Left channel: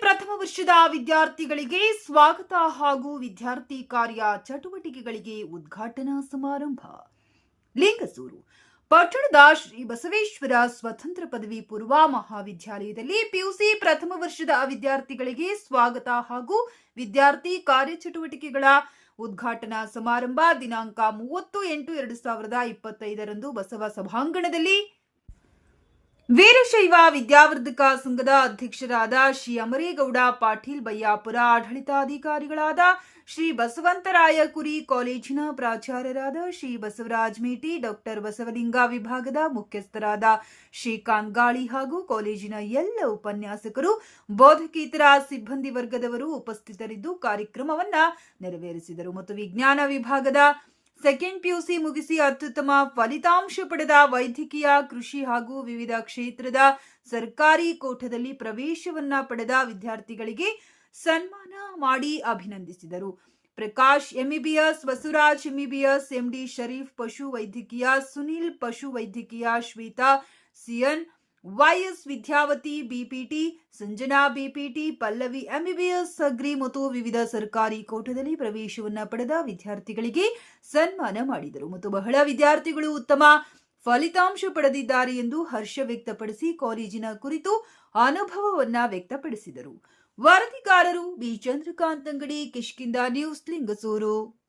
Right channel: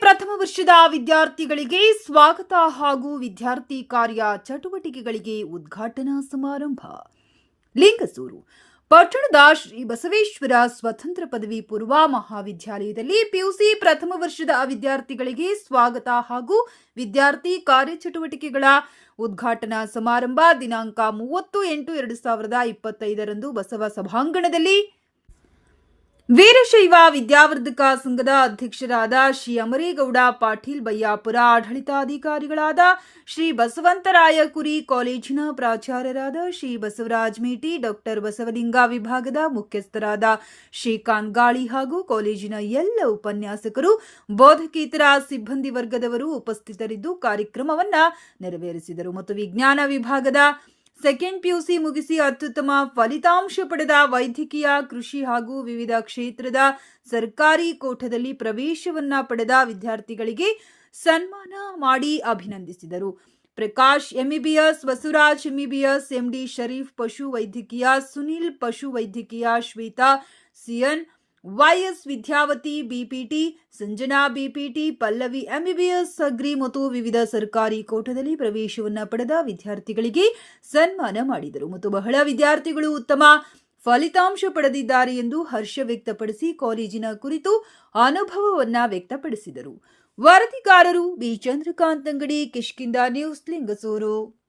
ವರ್ಷದ ವಿದ್ಯಾರ್ಥಿಗಳಿಗೆ ಸ್ವಾಗತ ಹಾಗೂ ವಿದ್ಯಾರ್ಥಿ ಕಾರ್ಯ ಚಟುವಟಿಕೆಗಳಿಗೆ ಉದ್ಘಾಟನಾ ಸಮಾರಂಭ. ಲಿಂಗಸೂರು. ಪಟ್ಟಣದ ಶ್ರೀ ಬಸವೇಶ್ವರ ಸ್ವತಂತ್ರ ಪದವಿ ಪೂರ್ವ ಮಹಾವಿದ್ಯಾಲಯದಲ್ಲಿ ಪಿಯುಸಿ ಪ್ರಥಮ ವರ್ಷದ ವಿದ್ಯಾರ್ಥಿಗಳಿಗೆ ಸ್ವಾಗತ ಹಾಗೂ ವಿದ್ಯಾರ್ಥಿ ಕಾರ್ಯಚಟುವಟಿಕೆಗಳ ಉದ್ಘಾಟನಾ ಸಮಾರಂಭ ದಿನಾಂಕ ಮೂವತ್ತು ಎಂಟು ಎರಡು ಸಾವಿರದ ಇಪ್ಪತ್ತೈದರಂದು ಬಸವ ಸಭಾಂಗಣದಲ್ಲಿ ವೀರಶೈವ ವಿದ್ಯಾವರ್ಧಕ ಸಂಘದ ಅಧ್ಯಕ್ಷರಾದ ಶ್ರೀ ಅಮರೇಗೌಡ ಪಾಟೀಲ್ ಬಯ್ಯಾಪುರ ಆಡಳಿತಾಧಿಕಾರಿಗಳಾದ ಶ್ರೀ ಬಸವಂತರಾಯ ಕುರಿ ಕಾಲೇಜಿನ ಪ್ರಾಚಾರ್ಯರಾದ ಶ್ರೀ ಬಸವರಾಜ್ ಮೇಟಿ, ಡಾಕ್ಟರ್ ಬಸವಲಿಂಗ ವಿಭಾಗದ ಮುಖ್ಯಸ್ಥರಾದ ಶ್ರೀಕಾಂತ್ ಗಾಳಿ ಹಾಗೂ ಕಾಲೇಜಿನ ಎಲ್ಲ ಉಪನ್ಯಾಸಕರು, ಬೋಧಕೇತರ ಸಿಬ್ಬಂದಿ ವರ್ಗದವರು ಉಪಸ್ಥಿತರಿದ್ದು ಕಾರ್ಯಕ್ರಮವನ್ನು ನೆರವೇರಿಸಿದರು. ಮತ್ತು ವಿಜ್ಞಾನ ವಿಭಾಗದ ಸೆಕೆಂಡ್ ಪಿಯುಸಿ ಮುಗಿಸಿ ಅತ್ಯುತ್ತಮ ಫಲಿತಾಂಶ ಪಡೆದ ವೈದ್ಯಕೀಯ ಕೃಷಿ ಹಾಗೂ ವಿವಿಧ ಕ್ಷೇತ್ರದ ಸರ್ಕಾರಿ ಕೋಠದಲ್ಲಿ ಪ್ರವೇಶವನ್ನ ಪಡೆದ ವಿದ್ಯಾರ್ಥಿಗಳಿಗೆ ಸನ್ಮಾನ ಮಾಡಿ ಅಭಿನಂದಿಸಿದರು. Prakash MEBS Basavaraj MEBS MD Sharif ಪಶು ವೈದ್ಯಕೀಯ, ಸುನಿಲ್ ಪಶು ವೈದ್ಯಕೀಯ Shweta CN YS Vidyavathi BPT, Sanjana BPT, Pallavi MBBS agri ಮತ್ತು ವಿವಿಧ ಸರ್ಕಾರಿ ಕೋಟದಲ್ಲಿ ಪ್ರವೇಶವನ್ನು ಪಡೆದ ವಿದ್ಯಾರ್ಥಿಗಳಿಗೆ ಸನ್ಮಾನ ಮಾಡಿದರು. ಮತ್ತು ಬಹಳ ವಿದ್ಯಾರ್ಥಿಗಳು ಉತ್ತಮ ಫಲಿತಾಂಶ ಪಡೆದಿದ್ದಾರೆ ಎಂದು ಹರ್ಷ ವ್ಯಕ್ತಪಡಿಸಿ ಕಾಲೇಜಿನ ಕುರಿತು ಅನುಭವವನ್ನ ವ್ಯಕ್ತಪಡಿಸಿದರು. ವರದಿಗಾರರು ಬಿ. ಚಂದ್ರಕಾಂತ್ ಅಂಗಡಿ ಕಿಷ್ಕಿಂದ ನ್ಯೂಸ್ ಲಿಂಗಸೂರು